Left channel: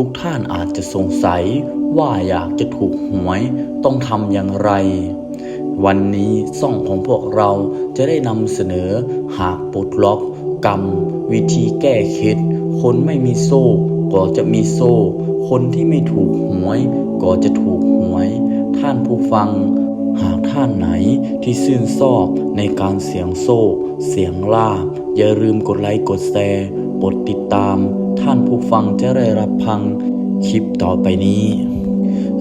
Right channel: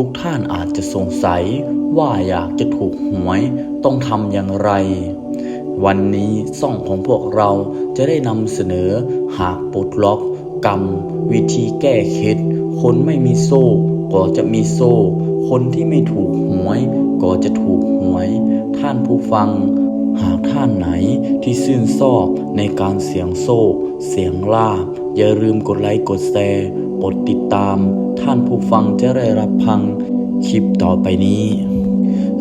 ทุกท่านอาจจะสงสัยว่าอยากจะถูกหวยต้องทำอย่างไร วันนี้ซ่องของพวกเราจะได้นำเสนอหากปลดล็อกกรรม วิธีแก้เคล็ดคนไม่มีโซ่ก็จะมีโซ่ คนที่ไม่ถูกหวยก็จะถูกหวย ท่านผู้ฟัง หากท่านไหนที่ซื่นชอบในการเสียงโซ่ เสียงล่าบอย่าลืมกดไลค์กดแชร์กดติดตาม ท่านผู้ฟังจะได้รับพังคลิปต่อไปนี้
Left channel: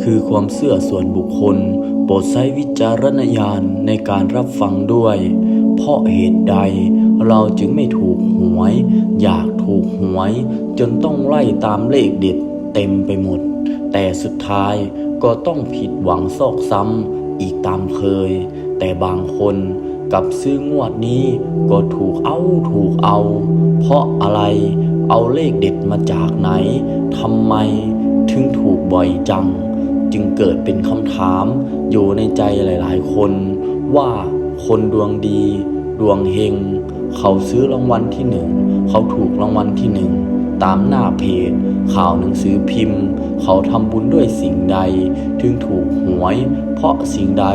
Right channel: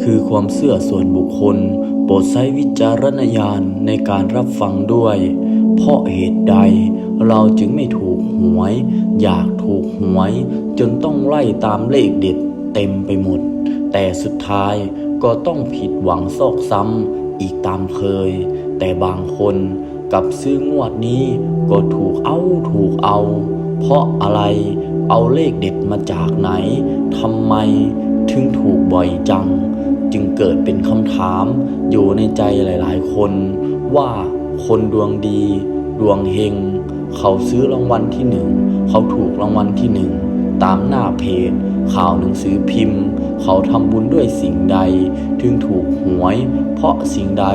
คือความเชื่อส่วนบุคคล โปรดใช้วิจารณญาณในการรับฟังด้วย เพราะเหตุใดเราจึงไม่ถูกหวย อยากถูกหวย จนต้องไล่ตามเลขเด็ดเต็มไปหมด แต่สุดท้ายก็ต้องผิดหวังซอกซ้ำอีกตามเคย แต่บางคนกับซื้องวดนี้ก็ถูกเอาถูกเอา เพราะอะไร เอาเลขเด็ดมาจากไหนทำไมถึงถูกบ่อยจัง จึงเกิดเป็นคำถาม อยู่ในใจหลายๆ คน ว่าคนดวงดี ดวงเฮง เขาซื้อรางวัลที่หนึ่ง เขาถูกรางวัลที่หนึ่ง ตามหน้าเพจ ข่าวหนังสือพิมพ์ เขาทำบุญด้วยสิ่งใด ถึงถูกหวย เพราะสิ่งใด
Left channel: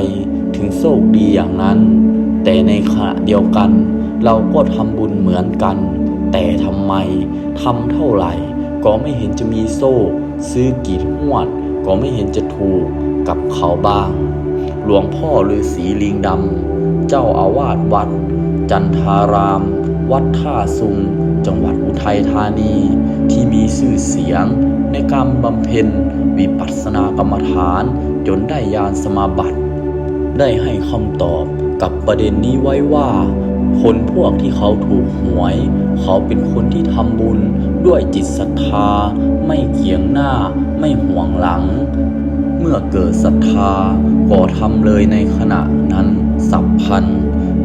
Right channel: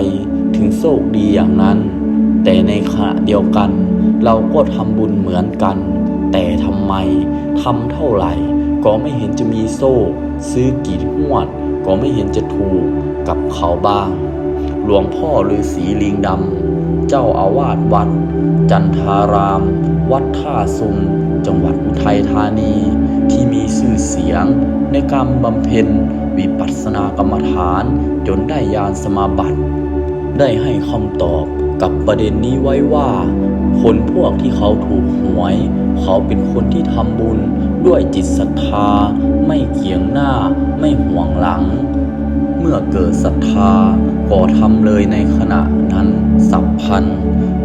ถึงโชคดีอย่างนั้น แต่ในขณะเดียวกัน เราก็ทำบุญเหมือนกัน แต่ทำไมทำเท่าไหร่ ก็ไม่เห็นจะมีโซ่ ซื้อกี่หวด ก็ไม่เห็นจะถูกกับเขาบ้าง หลวงพ่อฤาษีลิงดำเจ้าอาวาสวัด จันทาราม วัดท่าซุง จังหวัดอุทัยธานี ที่มีชื่อเสียงในการบำเพ็ญวิปัสสนากรรมฐานจนได้ญาณสมาบัติ ได้ให้คำตอบกับประเด็นนี้ไว้ว่า คนพวกที่เขาถูกหวย เขาเป็นคนที่ทำบุญด้วยจิตศรัทธา ไม่เกียงหน้า ไม่ห่วงหลัง เมื่อเกิดศรัทธาก็ทำเลยในขณะนั้นสับพัน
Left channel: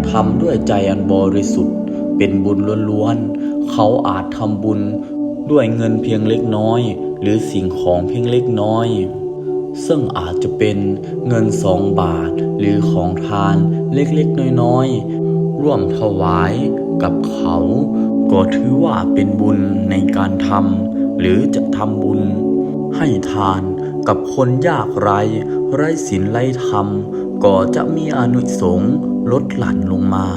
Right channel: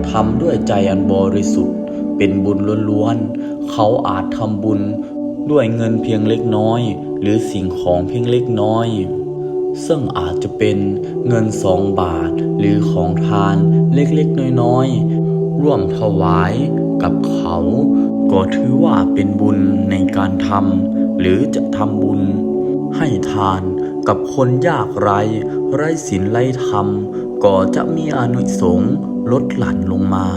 ทำด้วยใจอันบริสุทธิ์ เป็นบุญล้วนๆ เขาอาจทำบุญด้วยเงินเพียงเล็กน้อย หรือสิ่งของเพียงเล็กน้อย ซึ่งอาจจะเป็นเงินสองบาท หรือของทานเล็กๆ น้อยๆ ร่วมถวายกับเขา ก็ถือว่าเป็นบุญในการทำหรือจะทำบุญ ให้ทานกับคนยากไร้ ไร้ศีลไร้ธรรม ก็จะมีอนุสงลดหลั่นลงมา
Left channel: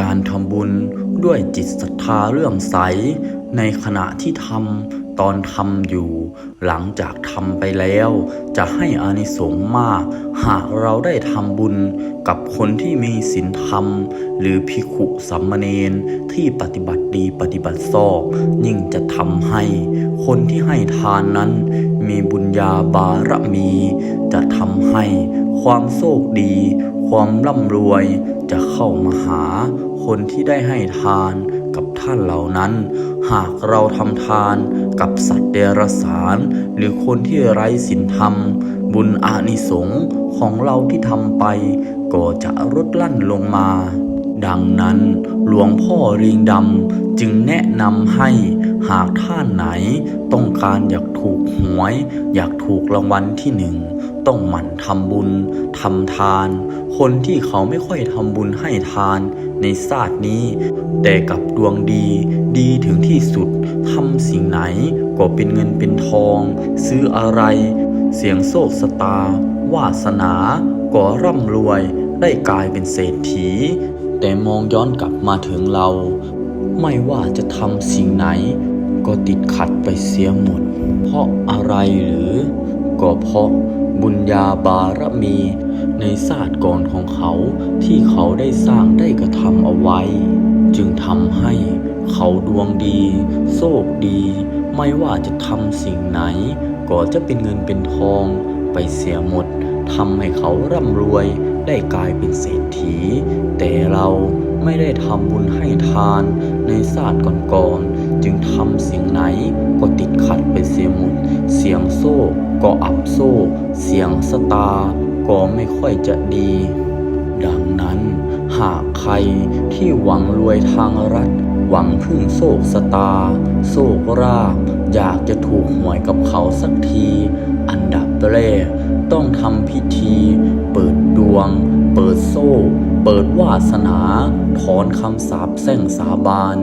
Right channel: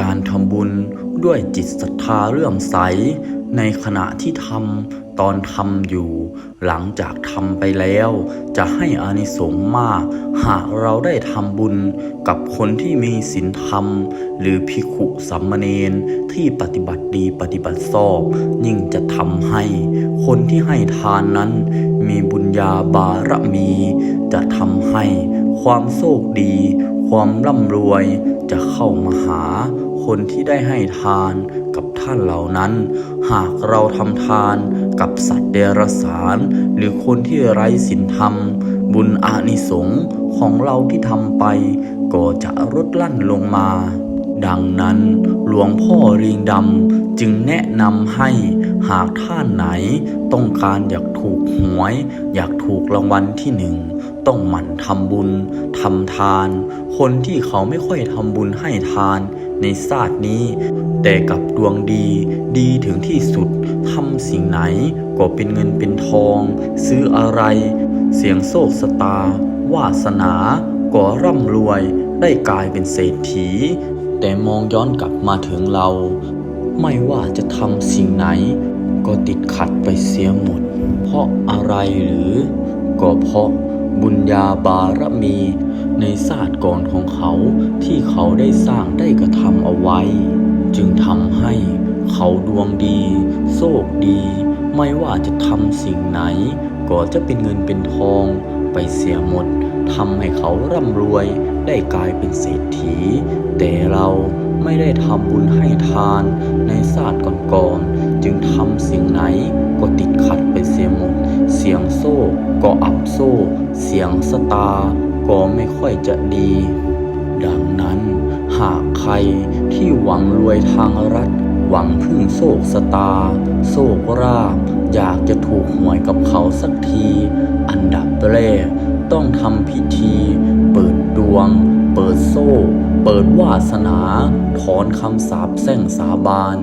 การทำบุญด้วยจิตศรัทธาเรื่องใส ในขณะที่ทำ ตอนทำอยู่ หลังจากทำไปแล้ว จะให้อานิสงส์มาก หากเราได้ทำบุญกับคนที่มีศีลธรรม หรือภิกขุสัมมเนนที่ปฏิบัติดีปฏิบัติชอบ ยิ่งจะทำให้ คนที่ให้ทานนั้น มีบุญญาบารมี จะทำให้ความโชคดี ความร่ำรวยจะเข้ามาหาคนที่ได้ให้ทานกับท่านเหล่านั้น หากเราทำทานกับสัตว์เดรัจฉาน หรือคนที่ไร้ศีลธรรม บุญอานิสงส์ของเราที่ทำไป ก็จะลดลั่นลงมา ดังนั้นหลวงพ่อริงดำจึงแนะนำให้หากท่านไหนต้องการอยากถูกหวย อยากถูกรางวัลที่หนึ่ง ต้องหมั่นทำบุญทำทาน คนที่เขาไม่ค่อยทำบุญให้ทานในศาสตร์นี้ แต่กับดวงดีดีถึงที่สุดทำสิ่งไหนก็เป็นเงินเป็นทอง ซื้ออะไร เสียงโชคสตา วาสนาก็ร่ำรวยได้กลายเป็นเศรษฐี แต่มองย้อนกลับมาถึงเรา ไม่ว่าจะทำสิ่งไหน ก็ติดขัดไปเสียหมด เพราะอะไรหรือ ก็เพราะบุญญาบารมีในศาสตร์ก่อนของเขาที่เขาได้สร้างได้กระทำเอาไว้ จึงทำให้เขาดวงดีโชคดี ไม่ว่าจะทำสิ่งไหน ก็จะเป็นเงินเป็นทองไปเสียหมด ทำให้เขาร่ำรวยได้กลายเป็นเศรษฐี แต่เราไม่ได้ทำบุญให้ทานในศาสตร์ก่อนๆ จึงทำสิ่งไหนก็ติดขัดไปเสียหมด เสียงโซ่ก็อับโซ่ เสียงสตาก็ไม่ค่อยจะดี ดังนั้นหากใครที่หวังรวยทางรัฐ หวังพึ่งโศกสตา โศกราบ อยากจะถูกหวยกับเขาสักที อันดับแรก ต้องทำพิธี เปิดดวง เปิดโซ่ เปิดวาสนา ถอนคำสาปแช่งสาบาน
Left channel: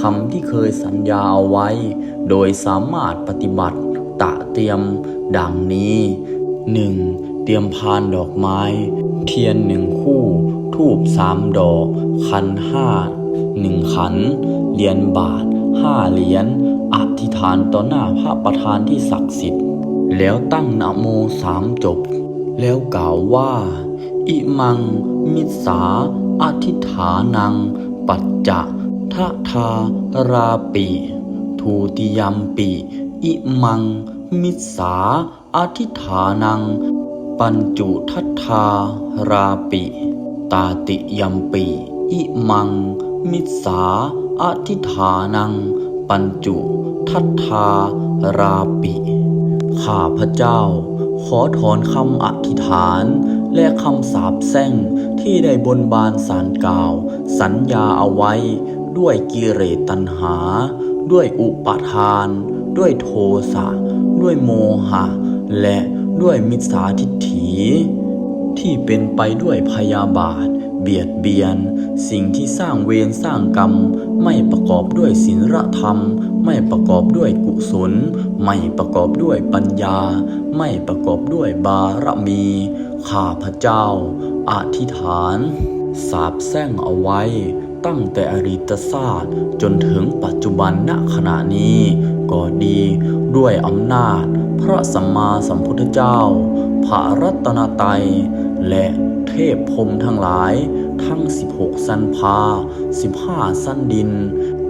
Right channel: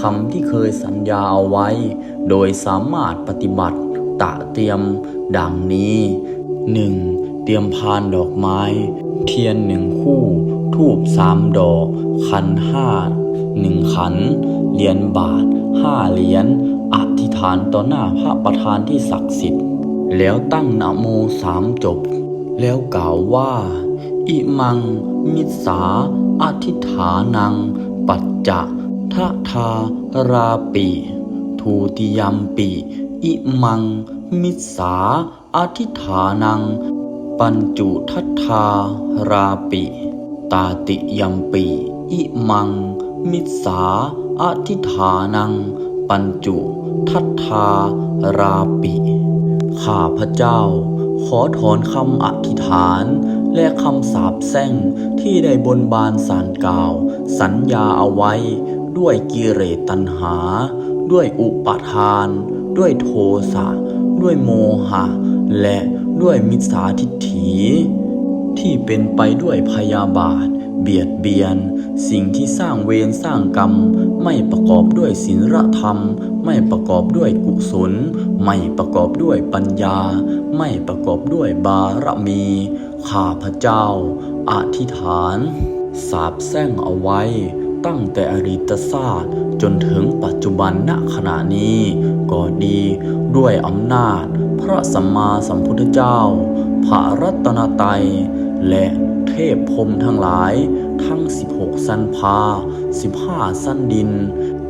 คำที่เคยสัญญาเอาไว้ โดยสามารถปฏิบัติตะเตรียม ดังนี้ 1. เตรียมพานดอกไม้ เทียนหนึ่งคู่ ทูบสามดอก ขันห้าหนึ่งขันเหรียญบาทห้าเหรียญอธิษฐานต่อหน้าพระประธานที่ศักดิ์สิทธิ์ แล้วตั้งนะโมสามจบ แล้วกล่าวว่า อิมัง มิสาอธิฐานัง ปัจจะทะทาราปิทูติยัมปิ อิมัง มิสาอธิฐานัง ปัญจุทัทาราปิ ตาติยัมปิ อิมัง มิสาอธิฐานัง ปัญจุทัทาราปิ ข้าพระเจ้า ขอถอนคำอธิษฐาน และคำสาปแช่งที่ได้บนบานสารกล่าว สัญญาเอาไว้ ด้วยกิเลสตัณหา ด้วยอุปาทาน ด้วยโทสะ ด้วยโมหะ และด้วยมิจฉาทิฏฐิ ที่เป็นไปด้วยพยาบาท เบียดเบียน สิ่งที่สร้างเวรสร้างกรรม ไม่ประกอบด้วยศีลธรรม ไม่ประกอบด้วยกุศล ไม่ประกอบด้วยปัญญา ไม่ประกอบด้วยบารมี ข้าพระเจ้า อธิษฐาน สาบแช่งเอาไว้ ตั้งแต่อริตศาสตร์จนถึงปัจจุบันณขณะนี้ ก็ดีด้วยอำนาจ พระสัมมาสัมพุทธเจ้า พระรัตนตรัยและ เทพพรมทั้งหลาย ทั้ง 16 สันพา 15 สั้นดิน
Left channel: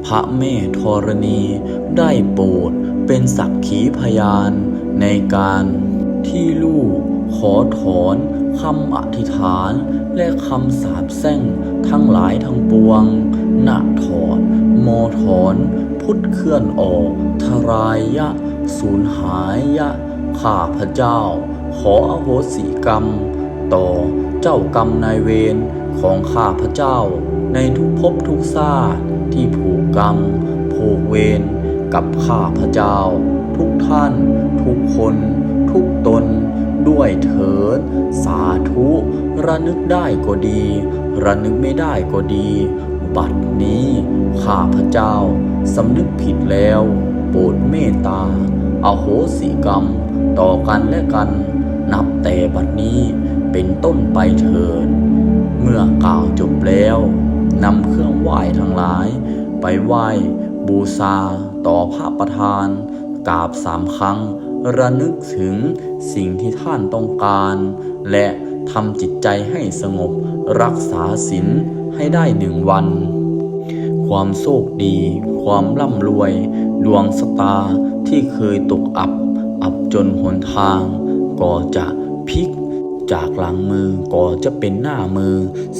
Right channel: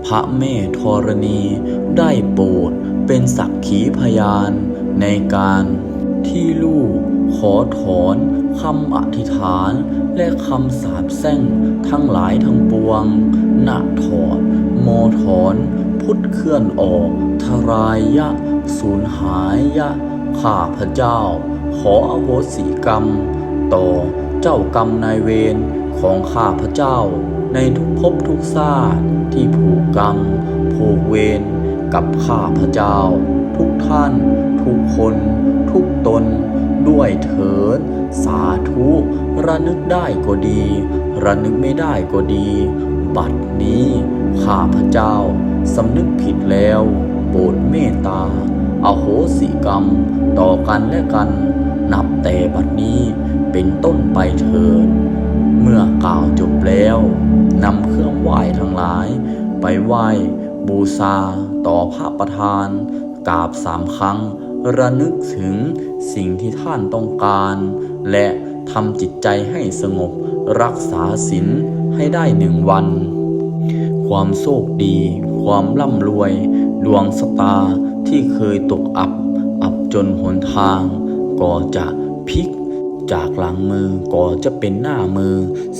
พระแม่ธรณีได้โปรดเป็นสักขีพยานในการที่ลูกขอถอนคำอธิษฐานและคำสาปแช่งทั้งหลายทั้งปวงณถอดโมถอน พุทธเคลื่อนออก ทรายยะ สูญหายยะ ข้าพระเจ้า ขออโหสิกรรม ต่อ เจ้ากรรมนายเวรของข้าพระเจ้า ในทุกภพทุกชาติที่ผูกกรรม ผูกเวรกับข้าพระเจ้า ทุกท่าน ทุกคน ทุกตน ด้วยเถิดสาธุระนึกได้ก็ดี ระนึกไม่ได้ก็ดี บัดนี้ข้าพระเจ้าสำนึกผิดแล้ว โปรดเมตตาอาโหสิกรรม ต่อกันและกัน นับแต่บัดนี้ เป็นต้นไปเถิด เมื่อกล่าวจบแล้วนำเครื่องไหว้ทั้งหลาย ไปไหว้บูชาต่อพระประธานกราบสามครั้ง ระนึกถึงสิ่งที่ท่านต้องการ และทำจิตใจให้สงบรักษาศีลให้ได้หนึ่งวัน ความโชคดี ความร่ำรวย ดวงสตาที่เคยตกอับ อับจนหนทาง ก็จะพลิก จากหลังมือก็จะเป็นหน้ามือ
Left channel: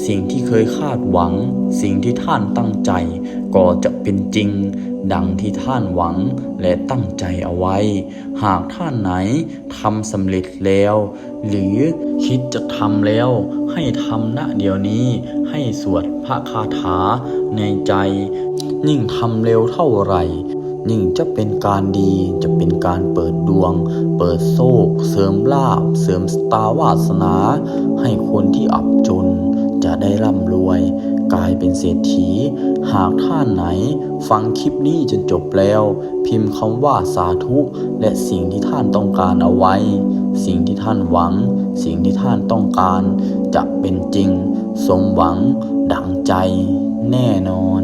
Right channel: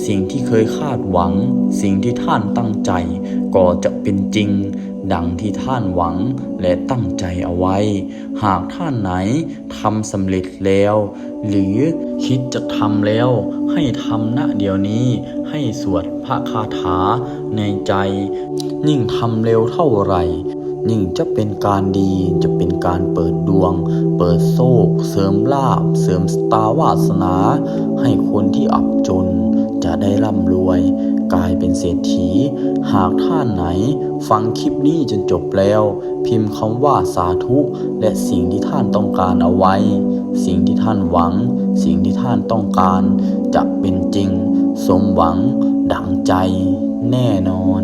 สิ่งที่เคยคาดหวัง สิ่งที่ท่านตั้งใจก็จะเป็นจริง ดังที่ท่านหวังและตั้งใจเอาไว้ หากท่านไหนทำสำเร็จแล้ว หรือคิดจะทำแล้ว ให้ทำณเดี๋ยวนี้ ให้สวดพระคาถาในใจ ยิ่งทำเร็วเท่าไหร่ ยิ่งจะเป็นการดีจะเป็นการเปิดดวง เปิดโชคเสริมลาบ เสริมสตาวาสนา ให้คนที่อับจนจะได้ร่ำรวย กลายเป็นเศรษฐี หากท่านไหน ฟังคลิปนี้จนจบแล้ว พิมพ์คำว่าสาธุ และสิ่งที่ท่านต้องการเอาไว้ สิ่งที่ท่านหวัง สิ่งที่ท่านต้องการ จะเป็นจริง สมหวัง ดังใจ แน่นอน